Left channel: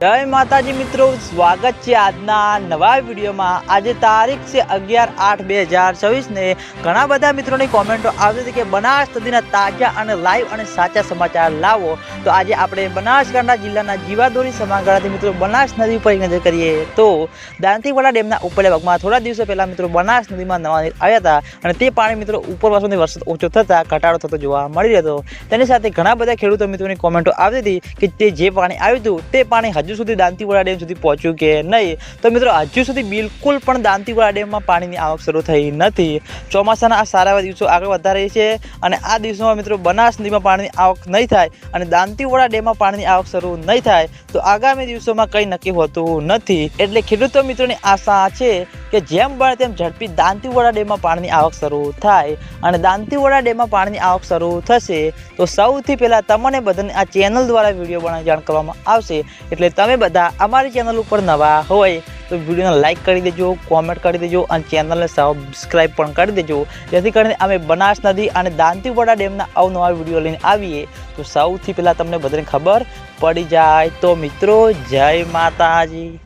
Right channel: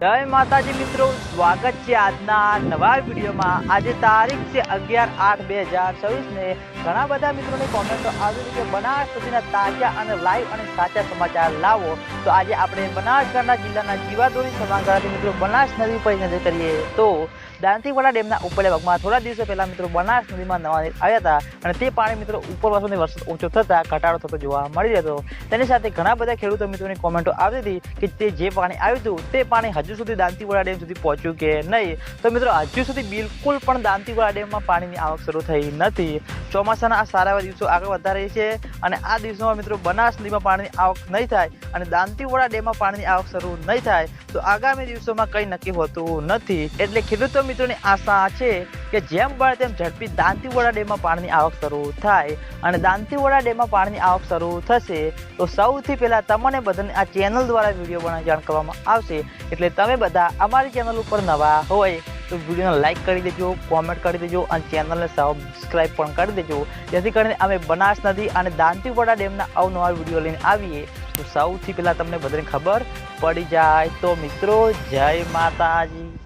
जय माताजी मित्रों, स्वागत है આજના નવા વિડીયોમાં। આજે તારીખ છે 11/8/2024 ને ઘણા બધા મિત્રોની કોમેન્ટો આવી હતી કે બનાસ નદીના તાજા અને લાઈવ અને સાચા સમાચાર લાવો। તો આજે આપણે બનાસકાંઠા જિલ્લાના જીવાદોરી સમાગણાથી મિત્રો બનાસ નદી ઉપર નજર કરીએ તો દાંતીવાડા ડેમના ઉપરના ભાગમાં થોડા દિવસો પહેલા મિત્રો બનાસ નદીમાં નવા નીર આવ્યા હતા અને તે પાણી મિત્રો ઉપરવાસોથી વરસાદ ઓછો થતા ઘટાડો થતો જોવા મળી રહ્યો હતો। તેની સાથે ઘણા બધા ખેડૂતો મિત્રોની કોમેન્ટો આવી હતી કે તે જે પાણી આવ્યું હતું તે પાણી હજુ સુધી દાંતીવાડા ડેમ સુધી પહોંચ્યું કે નહીં। તો મિત્રો હજુ સુધી બિલકુલ પણ દાંતીવાડા ડેમમાં પાણીની આવક શરૂ થઈ નથી। ચોમાસાના આ સારા દિવસો આગળ વધતા રહી છે અને આ દિવસોમાં મિત્રો બનાસ નદીમાં પાણીની આવક નહીં થાય અને દાંતીવાડા ડેમમાં પાણીની આવક શરૂ નહીં થાય તો આગામી દિવસોમાં કંઈ નક્કી હોતું નથી। એટલે ખેડૂતો મિત્રોની આશા છે કે જેમ બને તેમ ઝડપી દાંતીવાડા ડેમમાં પાણીની આવક શરૂ થાય અને દાંતીવાડા ડેમમાં પાણીની આવક શરૂ થશે તો સૌથી પહેલાં તમને બધાને આ ચેનલ દ્વારા વિડીયો બનાવી જાણ કરવામાં આવશે। એટલે તમે બધા અમારી ચેનલ ઉપર નવા હોય તો વિડીયોને લાઇક કરી દેજો, કોમેન્ટ કરી દેજો અને ચેનલને સબસ્ક્રાઈબ પણ કરી દેજો, જેથી કરીને અમે બનાસ નદી અને દાંતીવાડા ડેમના અવનવા વિડીયો લઈને આવીએ તો સૌથી પહેલાં તમને બધાને ખબર પડી જાય। તો મિત્રો, જય માતાજી।